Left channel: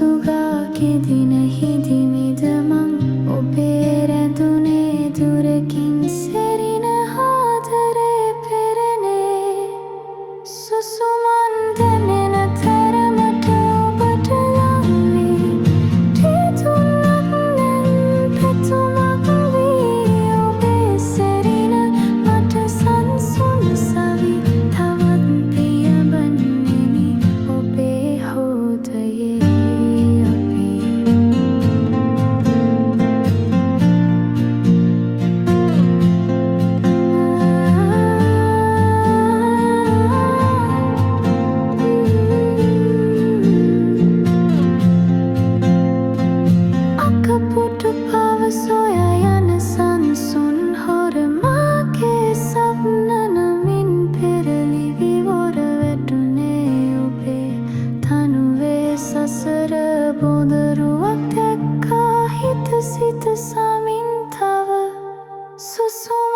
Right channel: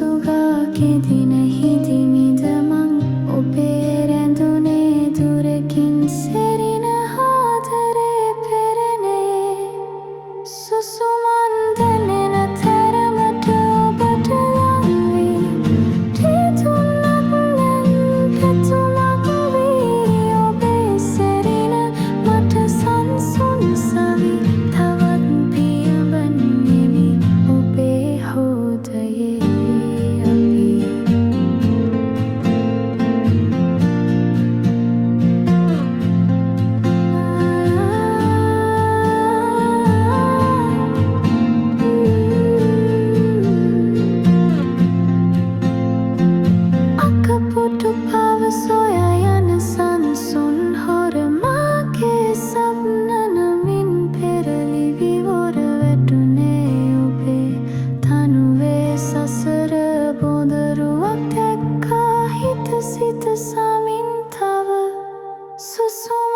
සුගා කෙදිනෙහිදී මිදමන් ඔබේ රැඳුනේ දුරකින් සෙරින ආදරේ පෙරනේ සුසුමන් දැනෙන තරමට ඔබට ලං වී ටිතුනක් නැන් පැතුමක් වී ඔබේ සෙරින මට සංසුන් සවි තවත් පියඹන්නෙමි ඔබේ හෘදයේ අපි අකපොටු පව සොයා යන සංසුන් හොරමාගේ සප්න නමින් පෙරලි විවර වැටුනේ ඔබේ තනුවේ සසර බොඳරුවක් දැක්කා හිත සිත සමින් තව සුසුම්